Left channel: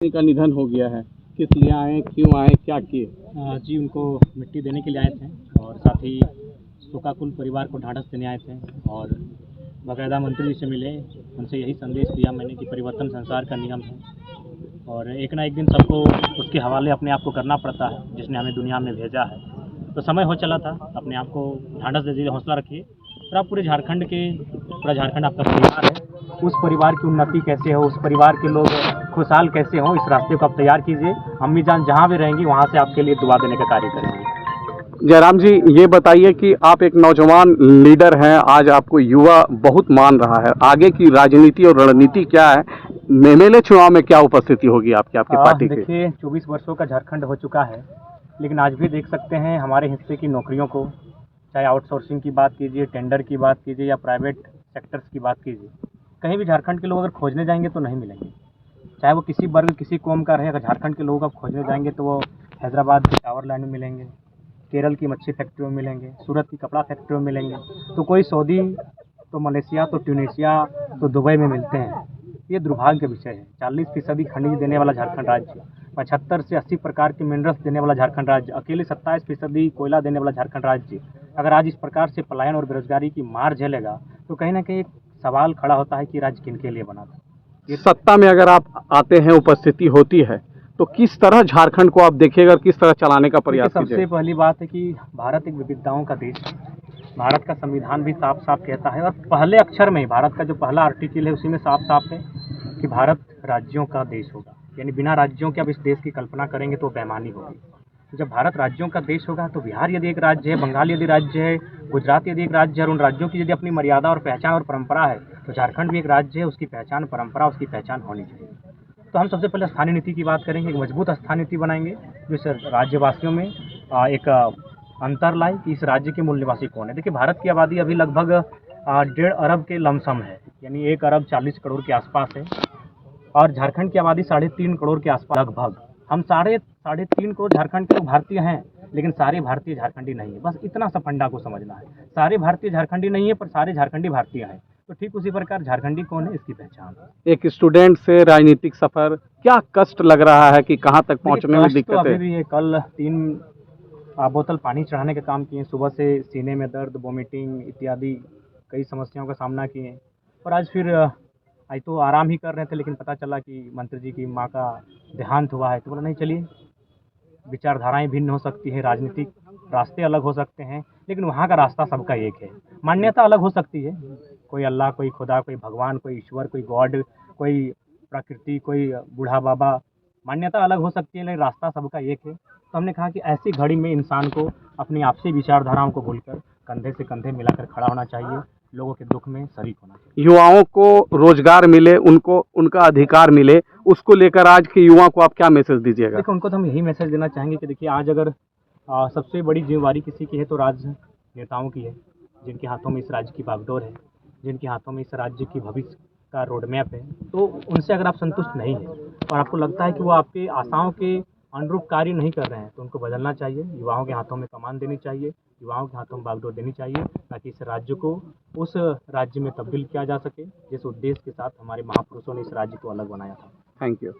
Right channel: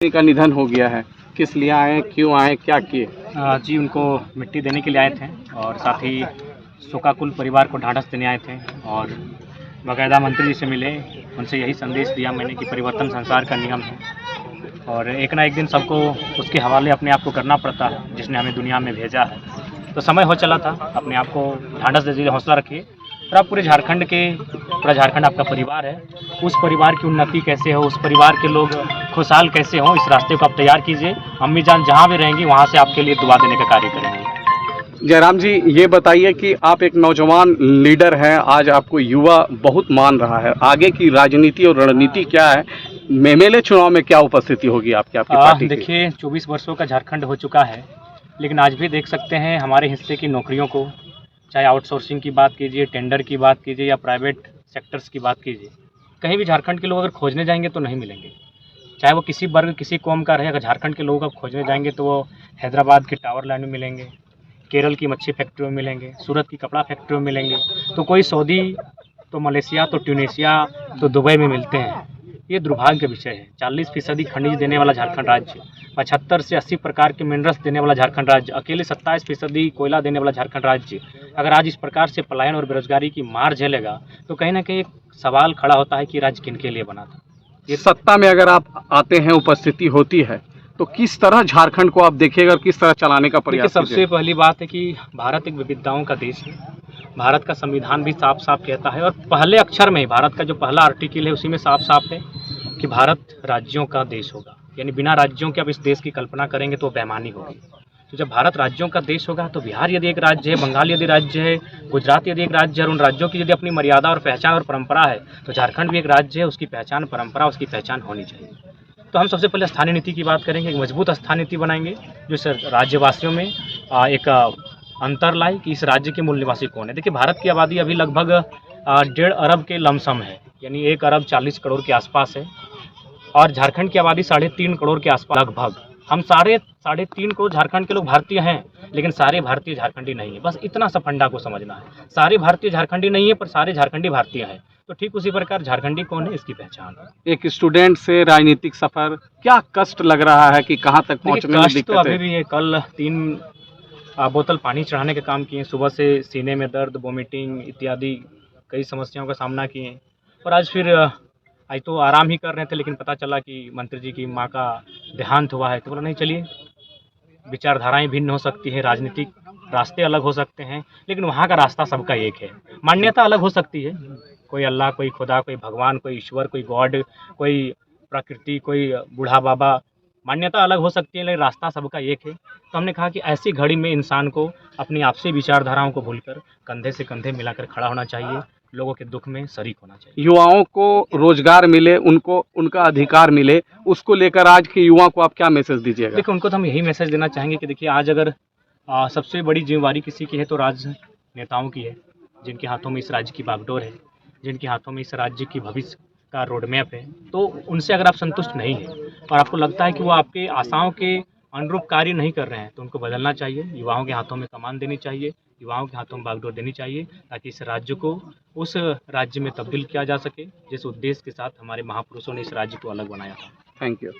का निधन हो गया है, किस लिए आए, क्यों आए, क्या किए? जी, उनको मिट्टी देने के लिए आए थे और साथ ही शोकाकुल परिवार को ढाँढस देने आए थे और बाकायदा मंत्री जी से मिले, उनसे यही संदेश दिया मैंने कि परिवर्तन संसार का नियम है और एक ना एक दिन सबको उसके हवाले अपने आप को करना पड़ता है, जिसने हमें दुनिया में भेजा है। तो समय हो चला था, अपने आप को ढाँढस दीजिए, हौसला रखिए और आप पूरा झारखंड आपका परिवार है, उस परिवार की उन्नति कैसे हो, उस परिवार के लोग खुशहाल कैसे हों, इस रास्ते को आप तैयार कीजिए। अम्मी जान जहाँ भी रहेंगी वहाँ से आपके लिए दुआ देने का कार्य करेंगी। जयराम जी, ये बताइए कि आप एक नौजवान लीडर हैं, आज आपको युवा बहुत मान रहा है, आगे की राजनीति और रणनीति क्या है? एमएलए चुनाव में क्या उपस्थिति होगी आपकी पार्टी की? देखिए, 24 वर्षों का झारखंड हो चुका है, लेकिन आज भी देख सकते हैं हमारे हिस्से की नौकरियों को, चाहे आउटसोर्सिंग की बात कीजिए, टेंडर की बात कीजिए या प्राइवेट सेक्टर्स की बात कीजिए, कहीं भी झारखंड के लोग अगर खोजने जाएंगे तो नहीं मिलेंगे। चाहे वो किसी वर्ग, किसी कौम का रहे, अगर झारखंड के लोग अब खोजने जाएंगे तो वो हैदराबाद के टावर लाइन में मिलेंगे, केरल की मच्छी फैक्ट्री में मिलेंगे, सूरत की कपड़ा फैक्ट्री में मिलेंगे, तो कोई सऊदी, तो मलेशिया, तो ट्यूनीशिया, तो दुबई में मिलते हैं। ये दुर्भाग्य का विषय है। 40% खनिज देने वाला झारखंड राज्य, 75 से 80 प्रकार के मिनरल्स देने वाला झारखंड राज्य, अकेले 27% कोयला देने वाला झारखंड राज्य, अगर आज इस प्रकार से पलायन और बेरोजगारी की मार झेलेगा तो कहीं ना कहीं एक सवाल खड़ा होता है कि राज्य किनके लिए बना था। ये सत्ता में अगर आप आते हैं, उपस्थिति होती है, तो किस तरह झारखंड को आप देखिएगा, किस तरह चलाने का देखिए, प्रयास सबसे पहली बात है कि भारत एक विविधताओं का देश है। भारत का संविधान भी साफ साफ कहता है और पहले अक्षर में ही भारत का जो पहला आर्टिकल है उसी में साफ साफ है कि भारत राज्यों का देश होगा, यानी बिना राज्यों के अब इस देश की कल्पना करेंगे तो बेईमानी होगी। तो जब भारत राज्यों का देश होगा तो बिहार यदि एक राज्य है, बंगाल यदि राज्य है, गुजरात यदि एक राज्य है और उन राज्यों की यदि अपनी मर्यादा और पहचान और परंपरा है, तो झारखंड भी एक राज्य है, उसकी पहचान, परंपरा, उसकी पहचान होनी चाहिए। तो हम सबसे पहले स्थानीय नीति की बात करेंगे, एक मजबूत स्थानीय नीति बनाएंगे जो इस राज्यवासियों में एक अंतर लाए कि इस राज्य के मूल निवासी कौन है। देखिए, भारत की आबादी अभी लगभग 1.5 अरब के लमसम है, यानी 1 अरब 40 करोड़ के आसपास है और झारखंड की आबादी 3.5 करोड़ के आसपास लगभग। हम सारे 3.5 करोड़ झारखंड के लोग भारतीय हैं, लेकिन सारे भारतीय झारखंडी नहीं है। बस इतना सा फंडा को समझना है, सारे भारतीय झारखंडी नहीं है पर सारे झारखंडी भारतीय हैं। तो ठीक उसी प्रकार झारखंडी कौन है, इसकी पहचान है। एक स्टूडेंट से राजनीतिक सफर, क्या कष्ट लग रहा है कि कहाँ तक पहुँचने में कष्ट दिक्कत तो अभी है? भी है। कल 3 बोतल पानी चढ़ाने का काम किए, सुबह से सीने में दर्द, वोमिटिंग इत्यादि कई समस्याओं का सामना किए और आज फिर आज तो आराम ही कर रहे थे, लेकिन पता चला कि मंत्री जी की माँ का देहांत हुआ है। तो बोला नहीं, चलिए, विचारधाराएं भिन्न हो सकती है, राजनीतिक रास्ते अलग हो सकते हैं, लेकिन वहाँ का रास्ता सबका एक है। मान्यता अलग हो सकती है, कोई अल्लाह, कोई खुदा, कोई भगवान, कोई ईश्वर, कोई गॉड, कोई प्रकृति, कोई बूढ़ा बाबा, मान्यता अलग हो सकती है लेकिन रास्ता सबका एक है। तो हमने कहा कि ऐसी घड़ी में इंसान को अपनी आपसी विचारधाराओं को भूलकर कंधे से कंधे मिलाकर खड़ा होना चाहिए, लोगों के दुख में शरीक होना चाहिए। युवाओं को रोजगार मिले, उनको उनका अधिकार मिले, उसको लेकर आज के युवाओं को आप क्या मैसेज दीजिएगा? देखिए, उनको तो हम यही मैसेज देना चाहेंगे कि देखिए, आज अगर सबसे बड़ी जिम्मेवारी किसी की है तो राजनेताओं की है, जिनके हाथों में इस राज्य की बागडोर है, जिनके हाथों में इस राज्य की भविष्य का रोड मैप है। तो उनसे अगर आप संतुष्ट नहीं हैं और आपको लगता है कि वो आपके आशाओं के अनुरूप कार्य नहीं कर रहे हैं, तो उनको बदलना चाहिए। युवाओं के हाथों में कमान देनी चाहिए, युवाओं के हाथों में बागडोर देनी चाहिए, ताकि इस राज्य को उस राज्य में तब्दील किया जा सके जिस उद्देश्य के साथ हमारे महापुरुषों ने इस राज्य को अलग बनाया था। Thank you.